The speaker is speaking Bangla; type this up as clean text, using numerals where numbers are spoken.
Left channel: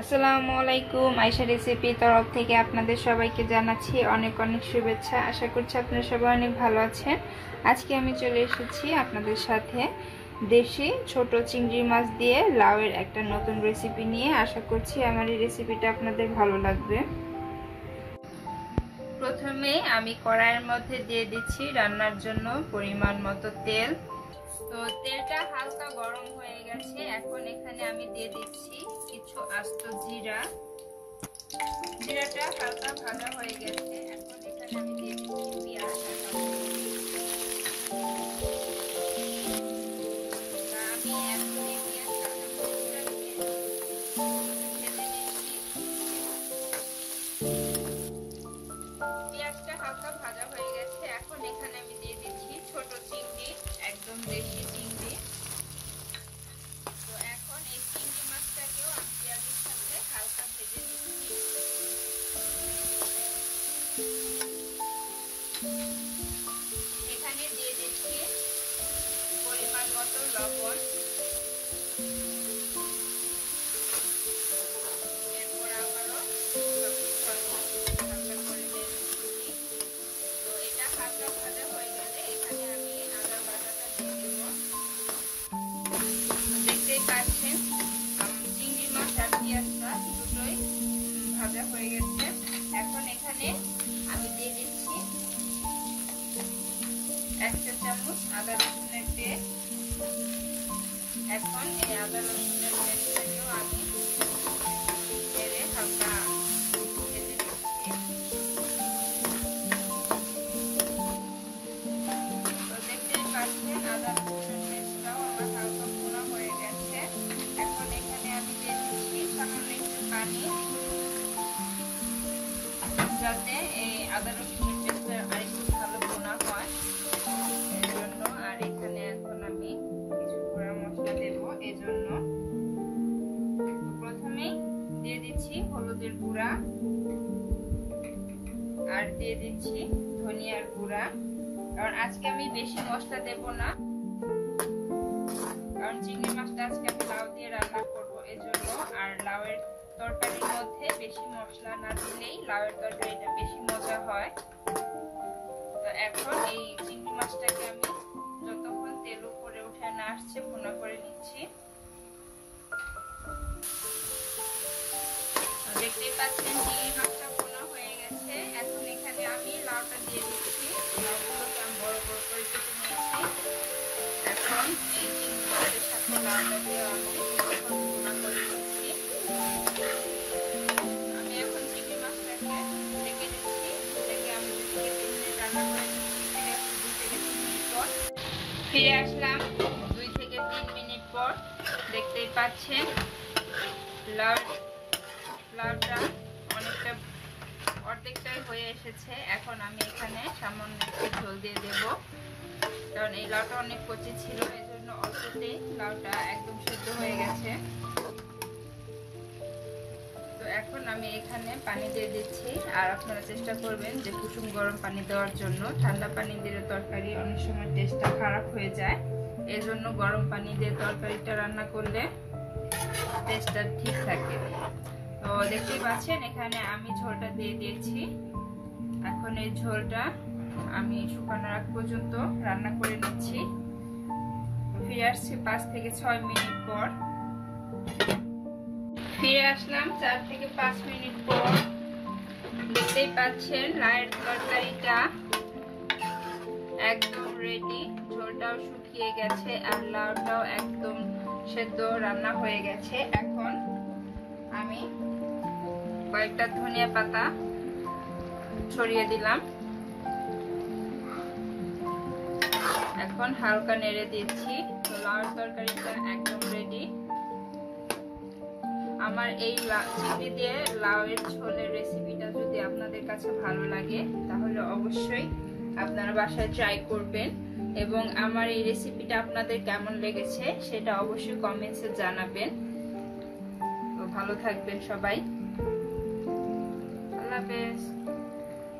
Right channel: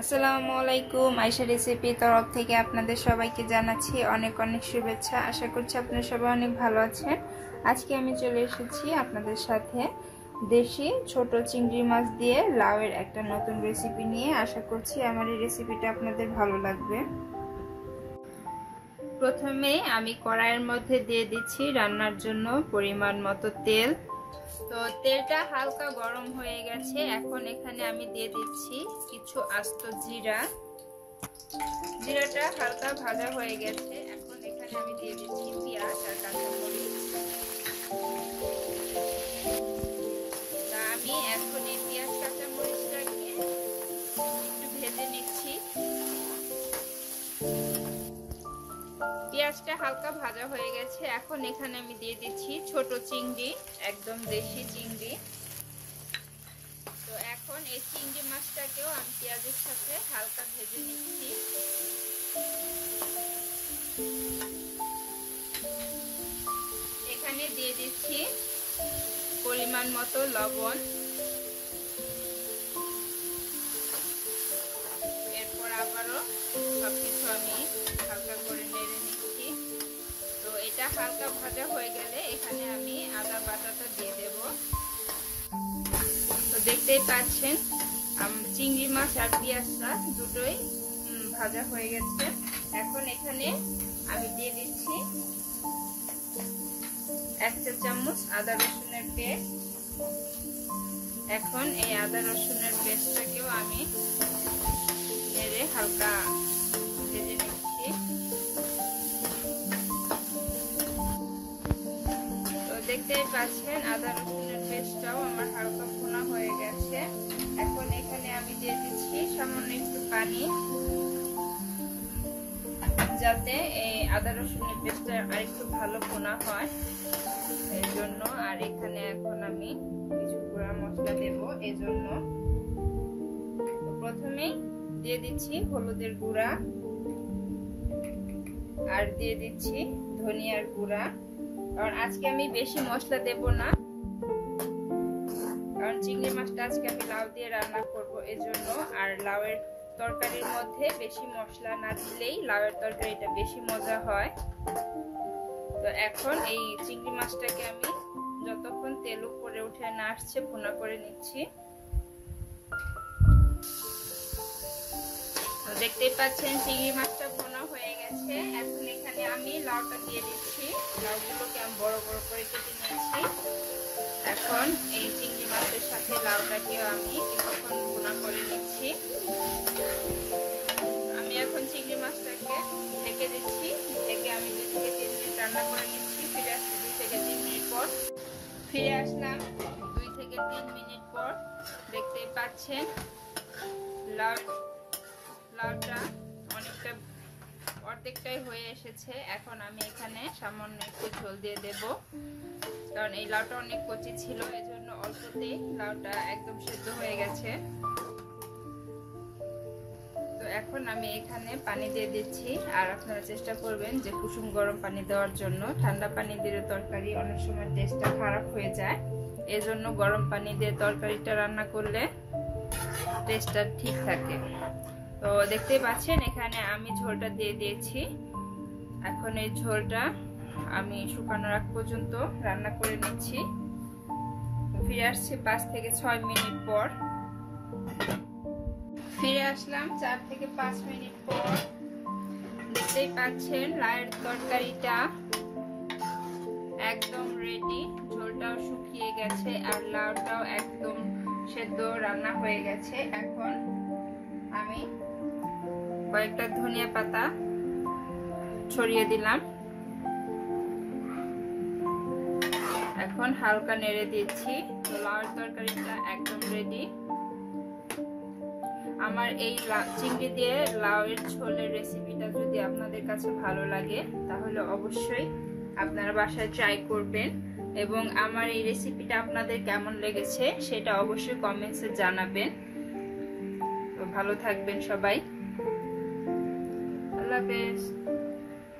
আসসালামু আলাইকুম। আয়েশা রেসিপি তরফ থেকে আপনাদের সবাইকে জানাচ্ছি অনেক অনেক শুভেচ্ছা। আশা করছি আপনারা সবাই অনেক ভালো আছেন। আজকে আমি চলে এসেছি আপনাদের সাথে দেশি ছোট চিংড়ি মাছ দিয়ে লাউয়ের একটা নতুন রেসিপি নিয়ে। আশা করছি আমার এই রেসিপিটা আপনাদের ভালো লাগবে। প্রথমে আমি কড়াইয়ের মধ্যে দিয়ে দিচ্ছি রান্নার জন্য পরিমাণ মতো তেল। তো তেলটা হালকা গরম হয়ে গেছে। এখন এখানে আমি দিয়ে দিচ্ছি কিছু আস্ত জিরা। জিরাটা হালকা ভাজা হয়ে গেছে। এখন এখানে আমি দিয়ে দিচ্ছি পেঁয়াজ আর কাঁচামরিচ। আমি এখন এই পেঁয়াজ কাঁচামরিচটাকে ভেজে নিচ্ছি। পেঁয়াজটা হালকা ভাজা হয়ে গেছে। এখন এখানে আমি দিয়ে দিচ্ছি ছোট চিংড়ি, একদম দেশি চিংড়ি। তো এখন এই চিংড়ি মাছটাকেও আমি পেঁয়াজের সাথে হালকা ভেজে নিচ্ছি। এখানে দিয়ে দিচ্ছি পরিমাণ মতো লবণ। এরপর আবারও সবকিছু আমি হালকা করে নেড়ে নিচ্ছি। তো এটা হালকা ভাজা হয়ে গেলে এখানে আমি আদা বাটাটা দিয়ে দেব। তো দেখতেই পাচ্ছেন চিংড়ি মাছ আর পেঁয়াজটা দুটোই ভাজা হয়ে গেছে। এখন এখানে আমি দিয়ে দিচ্ছি 1 চা চামচ আদা রসুনের পেস্ট। এখন এই আদা রসুনের পেস্টটাকেও আমি নেড়ে হালকা ভেজে নিচ্ছি। তো দেখতেই পাচ্ছেন আদা রসুনের পেস্টটাও আমার হালকা ভুনা হয়ে গেছে। এখন এখানে আমি দিয়ে দিচ্ছি সামান্য একটু পানি, যাতে এই আদা রসুনের পেস্টটা আরেকটু ভালো ভুনা হয় এর জন্য। আর এখানে এখন আমি কিছু গুঁড়া মশলা দেব এর জন্য। প্রথমেই দিয়ে দিচ্ছি হলুদের গুঁড়া, আর দিয়ে দিচ্ছি ধনিয়ার গুঁড়া। কারণ আজকে আমি বেশি মশলা দেব না, কারণ চিংড়ি মাছটা আজকে আমি লাউ দিয়ে রান্না করব এজন্য। আর লাউয়ের তরকারির মধ্যে বেশি মশলা না দিলেই লাউয়ের তরকারিটা বেশি মজা হয়। তো এখন এই চিংড়ি মাছটাকে আমি যতক্ষণ তেল উপরে উঠে না আসছে ভুনা করে নিচ্ছি। তো দেখতেই পাচ্ছেন চিংড়ি মাছটা ভুনা হয়ে গেছে। এখন এখানে আমি লাউটা দিয়ে দিচ্ছি। লাউগুলোকে আমি বড় বড় করে কেটে নিয়েছি। এখন এই চিংড়ি মাছের সাথে লাউটাকেও আমি কিছুক্ষণ ভুনা করে নিচ্ছি। আমি এখন চিংড়ি মাছটাকে ঢেকে দিচ্ছি। ঢেকে আমি 2 থেকে 3 মিনিট রান্না করে নিচ্ছি। ফিরে আসছি 2 থেকে 3 মিনিট পর। ফিরে আসলাম 2 থেকে 3 মিনিট পর। দেখতেই পাচ্ছেন লাউটা অনেকটা অর্ধেকটাই হয়ে এসেছে। এখন আমি এখানে সামান্য একটু ঝোল দিয়ে দেব, কারণ এই লাউটা অনেক কচি ছিল এজন্য অল্পতেই লাউটা একদম সেদ্ধ হয়ে গেছে। তো এখন আমি এখানে পানি দিয়ে দিচ্ছি। আর আপনারা চেষ্টা করবেন যে কুসুম গরম পানি দেওয়ার জন্য। ঠান্ডা পানি দিলে তরকারি অনেক সময় টেস্টটা খারাপ হয়ে যায়, এজন্য গরম পানি দিয়ে তরকারিটা রান্না করলে টেস্টটা ঠিক থাকে। তো দেখতেই পাচ্ছেন এখানে আমি ঝোলটা দিয়ে দিয়েছি। এখন এই ঝোলটা আমি শুকানোর আগ পর্যন্ত রান্না করে নিচ্ছি। ফিরে আসছি 5 থেকে 6 মিনিট পর। ফিরে আসলাম 4 থেকে 5 মিনিট পর। দেখতেই পাচ্ছেন লাউয়ের তরকারিটা একদম রেডি। ঝোলটাও শুকিয়ে গেছে আর লাউটাও একদম সেদ্ধ রান্না হয়ে গেছে। এখন আমি কয়েকটা ধনিয়া পাতা ছড়িয়ে দিলাম। এখন হালকা নেড়ে দিচ্ছি। তো লাউয়ের তরকারিটা একদম রেডি। আমার এই চিংড়ি দিয়ে লাউয়ের ঝোলের রেসিপিটা যদি আপনাদের কাছে ভালো লাগে তাহলে অবশ্যই আপনারা বাসায় ট্রাই করবেন, এবং আমার এই রেসিপিটা আপনাদের কেমন লেগেছে সেটা অবশ্যই কমেন্টসে জানাবেন। তো ভালো থাকবেন সবাই। আল্লাহ হাফেজ।